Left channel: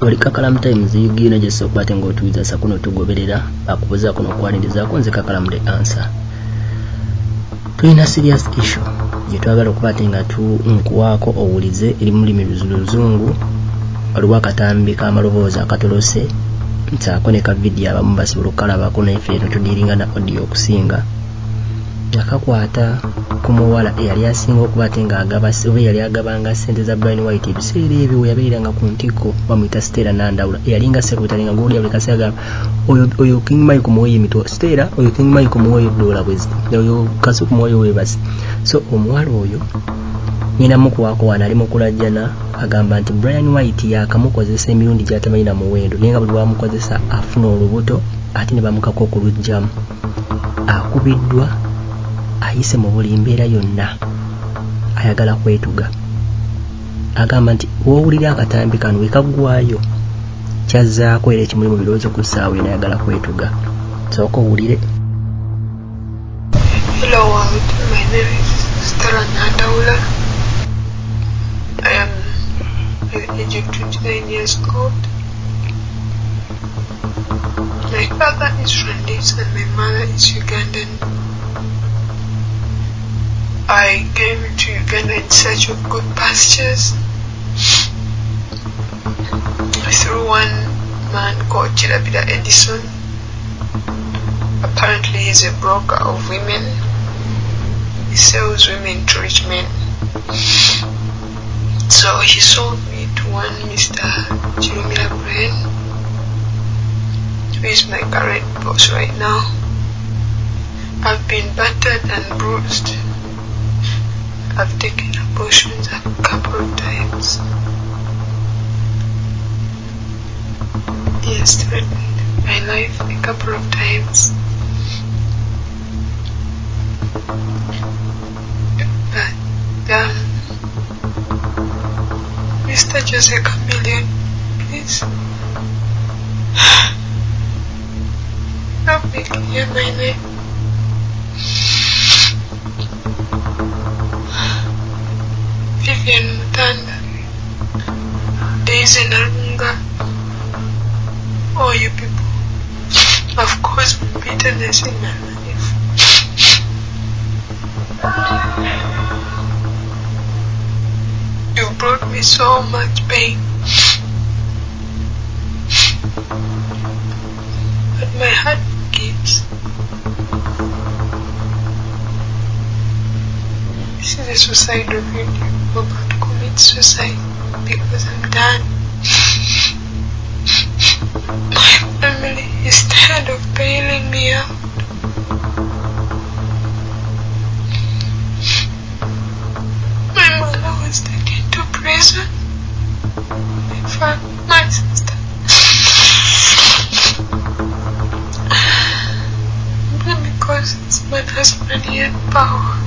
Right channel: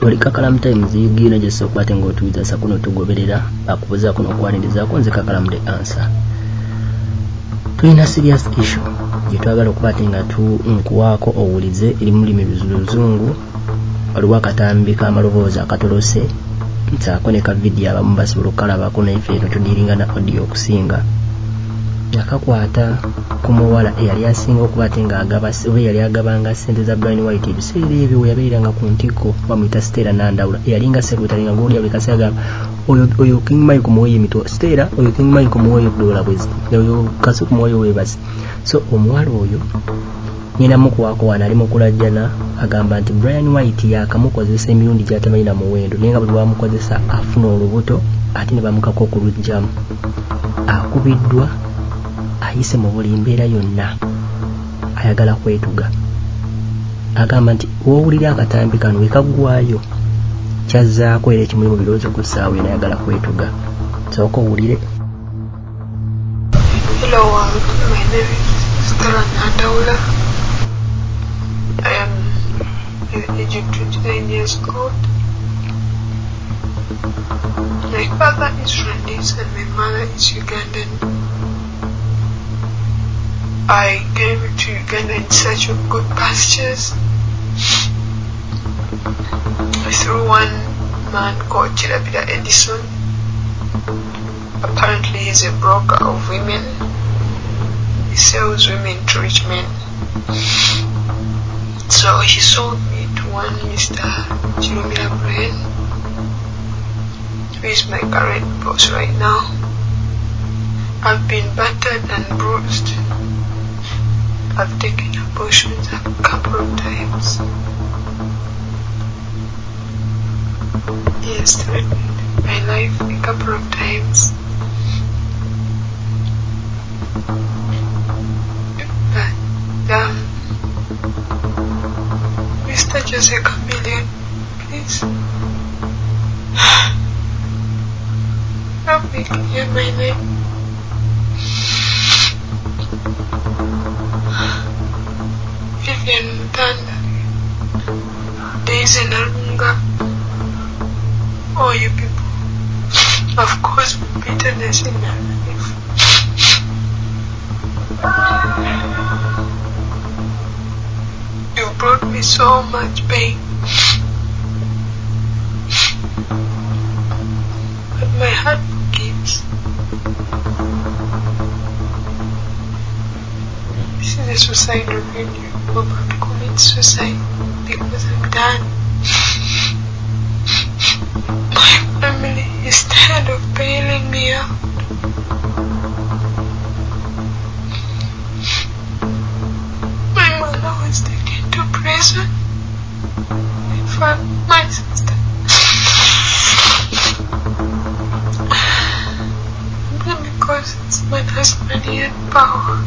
Oli kakalaamu Tymz Ug gy'ossa okukwata ng'otuuza sa kuno tugoberera akubuza kuno okwanirizaako nze kakalaamu the answer. Tulina serious issue gye twagala okukwata nga nkuwaako owulize eri mu lulimi luzungu waliwo akatambi k'amaloboozi akatolose nsaako ne ka vidiyo abamu basobola okukalabako naife eno tudiringa na audio okusinga yakakwata ku muwala eyali asinga okuba ate ng'agaba oba yali agabanga ssente za Brian White ebiseera ebyo we yabeeranga ku ntikko bamuyita Stella Nandawula eyalinga sekretary nga ng'oli buli kaseera agamba oyo King Mike kumuweeyo emitwe Stella oyo King Mike kumuweeyo dola bwezi oyo kasu kumuweeyo weebasi. So omuwala oyo nyina mukuwaako wano ali mu kulajjana agamba nti Brian White yakamukozesa emirundi gy'atamanyi na muwendo naye nga buli lwamukozesa afuna olubuto ate ne bamukako okulugjamu akubiddwa ayise mu buli mbeera yonna ayagala kwetuga agamba nti woowulira akatambi kano wekaggwayo kyazzaako era ekimuli mu birowoozo ku ssaawa eno ayagala kwetuga sooka owulire. Hello world, my name is Stella Nandawula. I am the age of 29 years old. My father is Rwandese and my mother is Ugandan. I came to Uganda in search of good pastures through one man called Chirabira Edison. Apparently he's a broker of women. He sells women to rich men. So he sold me to one Mr. Chirumira Brian, who is my current boss right now. I've been battered and bruised. I've taken abortions a couple of times. He has threatened my life a couple of times. But, Mr. Jose Chameleon, please help me clear my name. Vivian Mutanda, Daisy Narunga, all you people have caused me bitterness in my life. You brought me so much pain, but my heart forgives. This is a suicidal video. I'm about to commit suicide because I'm done. My family is tired of bailing me out. My mother was taken to prison. My father, my sister. Because this man has money and power.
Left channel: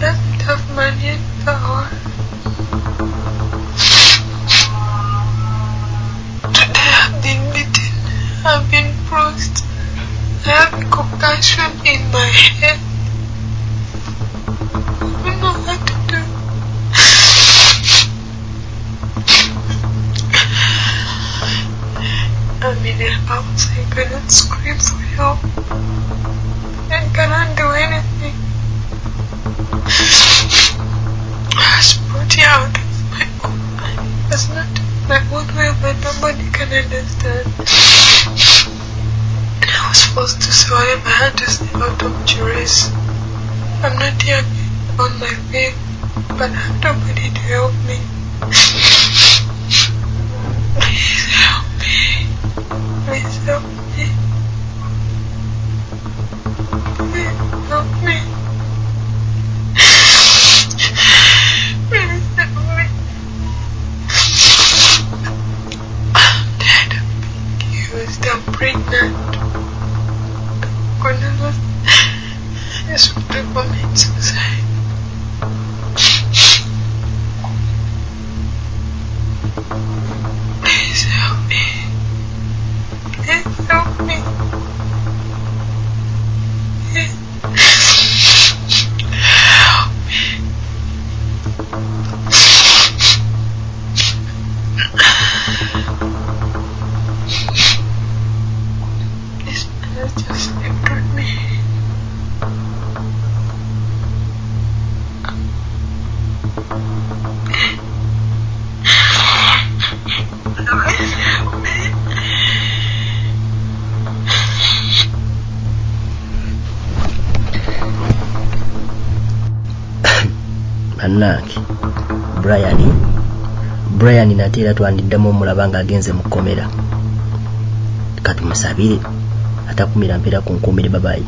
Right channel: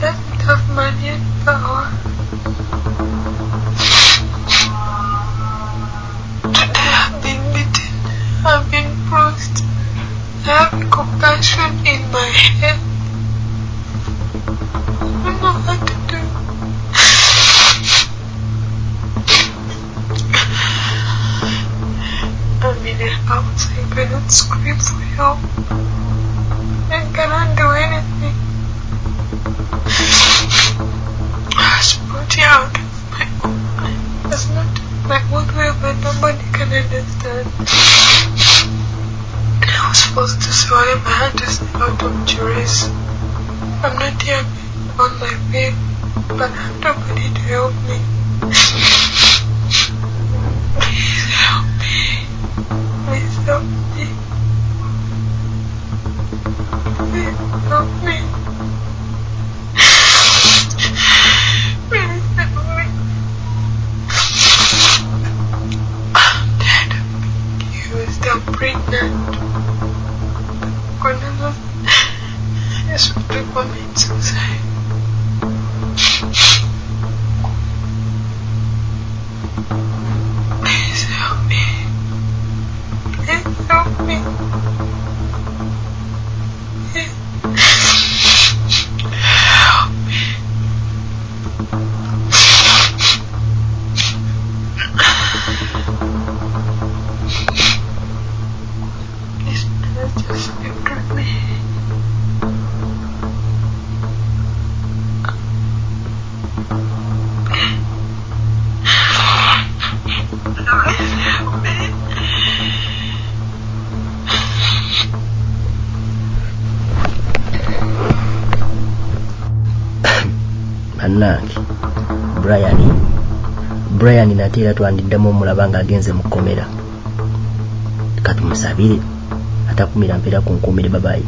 Doesn't have money and power. Today I've been beaten, I've been bruised, I have a concussion in my head. I don't know what to do. I'm in a house, I cannot scream for help. I cannot do anything. I was brought here out of my own mind. It's not my own way, but nobody can understand. I was forced to say whatever I had to say out of duress. I'm not here on my feet, but I have nobody to help me. Please help me. Please help me. Please help me. Please help me. I'm dead. He was still pregnant. I just want to commit suicide. Please help me. Please help me. Please. just lived with me. Annange Brian nateera twandiddamu omulaba ng'agenze mu kkomera. Katumusabire atakumira mpeera ku nkuumire babayi.